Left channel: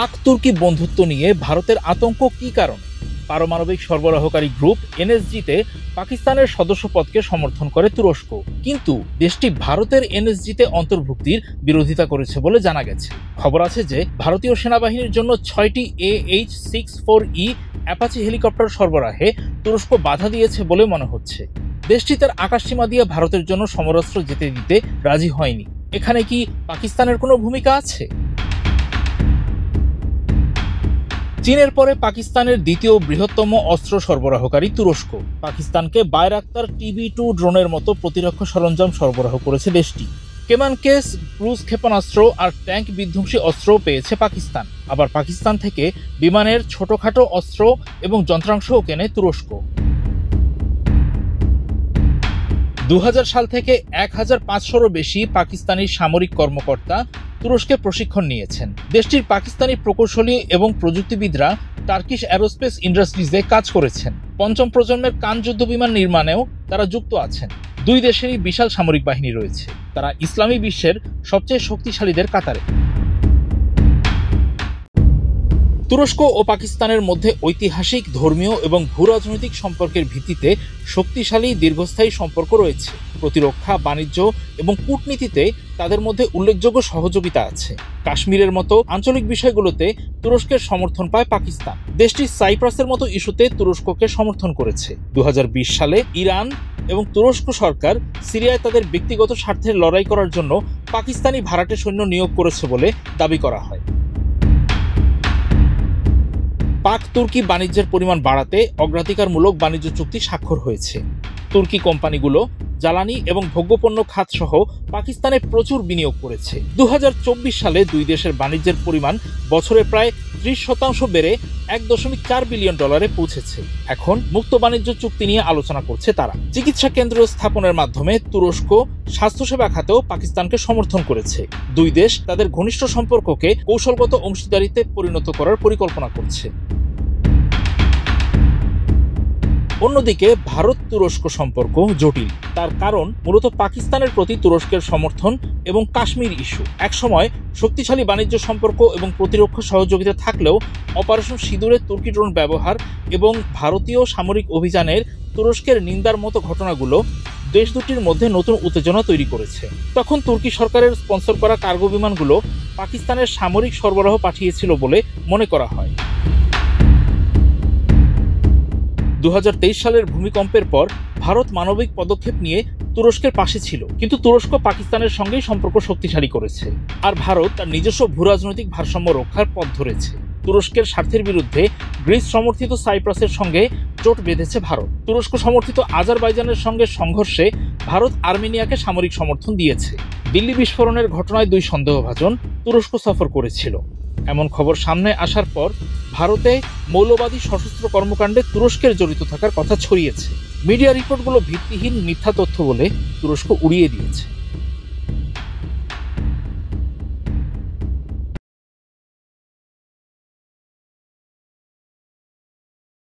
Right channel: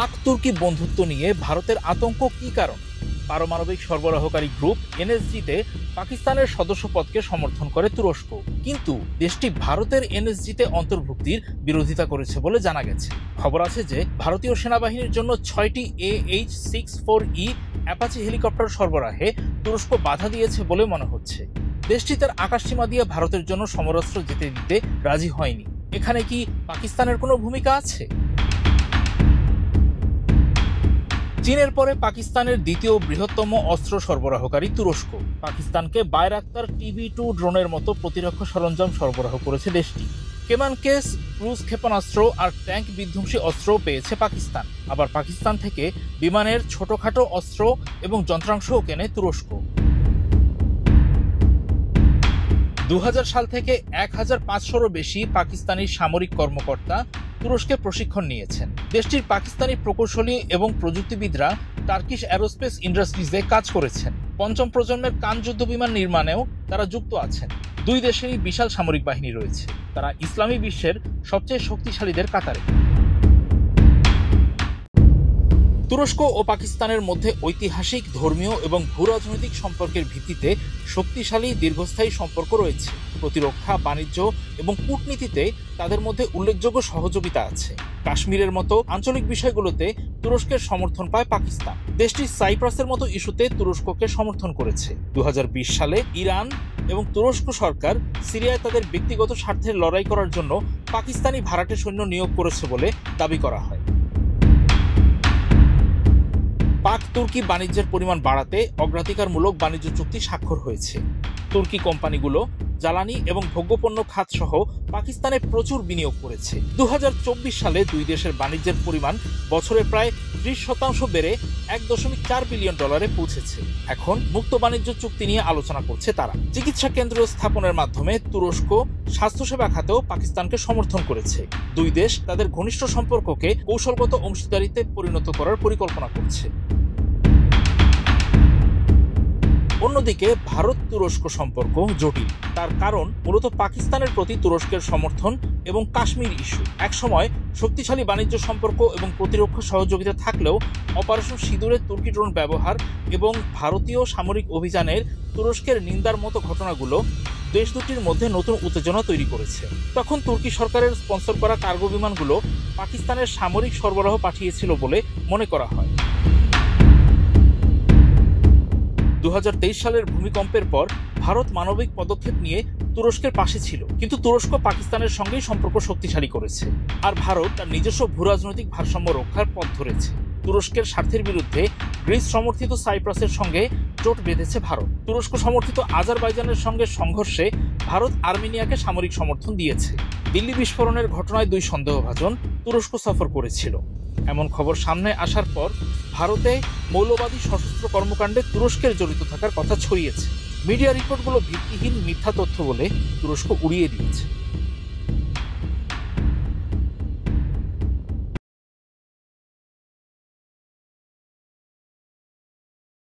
পাক তুর্কি বন্ধুত্ব নিয়ে ভারতের আতঙ্ক কি কারণ? পারমাণবিক সরবরাহকারী গ্রুপ এনএসজিতে পাকিস্তানের সদস্যপদকে সমর্থন করে তুরস্ক, কিন্তু দেশটি ভারতের এনএসজিতে অন্তর্ভুক্তির বিরোধিতা করেছে বলে জানা গেছে। খবর আছে যে ভারতীয় সেনাবাহিনীর জন্য 6টি AH-64E অ্যাপাচি হেলিকপ্টার সরবরাহে তুরস্ক বাধা দিয়েছে বলে মনে হচ্ছে। দেশটি তার আকাশসীমা দিয়ে ভারতের জন্য সমরাস্ত্র যেতে দিতে রাজি হয়নি। এখানে কি পাকিস্তানের কোনো ভূমিকা আছে? চীনের পরে পাকিস্তানের দ্বিতীয় বৃহত্তম অস্ত্র সরবরাহকারী তুরস্ক পাকিস্তানকে বায়রাক্তার TB2 ড্রোনের মতো প্রতিরক্ষা সরঞ্জাম সরবরাহ করেছে দেশটি। কেমান কেস, ক্রুজ ক্ষেপণাস্ত্র আর ট্যাঙ্ক বিধ্বংসী অস্ত্রও পেয়েছে পাকিস্তান। আবার পাকিস্তান থেকে বিমানের ছোটখাটো অস্ত্র এবং যন্ত্রাংশও কেনে তুরস্ক। 2000 সাল থেকে 1500-রও বেশি পাকিস্তানি সামরিক কর্মকর্তা তুরস্কে প্রশিক্ষণ নিয়েছেন। দেশটির পাকিস্তানি প্রকৌশলী এবং প্রযুক্তিবিদরা টার্কিশ অ্যারোস্পেস ইন্ডাস্ট্রিজে কাজ করেছেন। পঞ্চম প্রজন্মের কান যুদ্ধ বিমান নির্মাণেও তারা যুক্ত আছেন। দুই দেশেরই বিশাল সামরিক বাহিনী রয়েছে। তারা ইসলামী বিশ্বের সবচেয়ে শক্তিশালীদের কাতারে। তুরস্ক ও পাকিস্তানের মধ্যে ঐতিহাসিক, ধর্মীয় এবং ভূরাজনৈতিক সম্পর্কের ভিত্তিতে শক্তিশালী দীর্ঘস্থায়ী সম্পর্ক রয়েছে। প্রতিরক্ষা, বাণিজ্য এবং কূটনীতিতে তাদের মধ্যে উল্লেখযোগ্য সহযোগিতা আছে। কাশ্মীরের মতো আঞ্চলিক বিষয়গুলোতে তুরস্কের সমর্থন পায় পাকিস্তান। দেশটি সাইপ্রাসের মতো ইস্যুতে তুরস্ককে সমর্থন করেছে। 2020 সালে ইরান এবং তুরস্ক সরকার সিরিয়ায় তাদের ব্যক্তিগত স্বার্থের লড়াই করার জন্য পাকিস্তানি ভাড়াটে সৈন্য নিয়োগ করেছে বলে দাবি করা হয়। পাক তুর্কি বাণিজ্যের পরিমাণ বাড়াতে অগ্রাধিকারমূলক বাণিজ্য চুক্তি স্বাক্ষর হয়েছে। তুর্কি কোম্পানিগুলো জ্বালানি এবং ভোগ্যপণ্য খাত সহ পাকিস্তানে প্রচুর বিনিয়োগ করেছে। 2024 সালে দুই দেশের বাণিজ্যের পরিমাণ বছরে প্রায় 30% বেড়ে $1.4 বিলিয়ন পৌঁছেছে। এখন মুক্ত বাণিজ্য চুক্তি নিয়ে আলোচনা করছে তারা। চিকিৎসা কেন্দ্র স্থাপনের মাধ্যমে তুরস্ক স্বাস্থ্যসেবা খাতেও পাকিস্তানকে সমর্থন করেছে। দুই দেশ তাদের ঘনিষ্ঠ সম্পর্ককে কৌশলগত অংশীদারিত্বে পরিণত করার পরিকল্পনা করছে। অন্যদিকে ভারত তুরস্ক সম্পর্ক জটিল। তার কারণ মূলত পাকিস্তানের প্রতি তুরস্কের সমর্থন এবং কাশ্মীর ইস্যু। একসময় শক্তিশালী বাণিজ্য সম্পর্ক এবং প্রতিরক্ষা সহযোগিতা থাকলেও অপারেশন সিঁদুরে তুর্কি ড্রোন ব্যবহার এবং ভারতীয় সামরিক অভিযানের তুরস্কের নিন্দার মতো ঘটনাগুলো দেশ দুটির মধ্যে নতুন উত্তেজনা তৈরি করেছে। তখন তুর্কি সরকারের স্পন্সর করা কার্গো বিমানগুলো পাকিস্তানের সামরিক সরবরাহ পাঠিয়েছিল বলে মনে করা হয়। 2023 সালের ভূমিকম্পের পর ভারত মানবিক পদক্ষেপ নিয়ে তুরস্কের পাশে ছিল, কিন্তু তুরস্ক পাকিস্তানের সঙ্গেই সম্পর্ক শক্তিশালী করেছে। আর ভারত তার নিজস্ব ভূরাজনৈতিক ভারসাম্য রক্ষার পথ ধরেছে। তুরস্কের স্বার্থের বিরুদ্ধে গ্রিস সমর্থিত সাইপ্রাসের সঙ্গে জোট বেঁধেছে ভারত। তুরস্ক সমর্থিত আজারবাইজানের সঙ্গে সংঘর্ষে ভারত আর্মেনিয়াকে সামরিক সমর্থন দিয়েছে। দিল্লি বিস্ফোরণের ঘটনায় দুই সন্দেহভাজন তুরস্ক সফর করেছিল। এমন খবর সামনে আসার পর ভারতে মৌলবাদী সশস্ত্র কর্মকাণ্ডে তুরস্কের জড়িত থাকার কথা ছড়িয়েছে। মিডিয়া রিপোর্টগুলো ভিত্তিহীন মিথ্যা তথ্য বলে তুরস্ক উড়িয়ে দিয়েছে।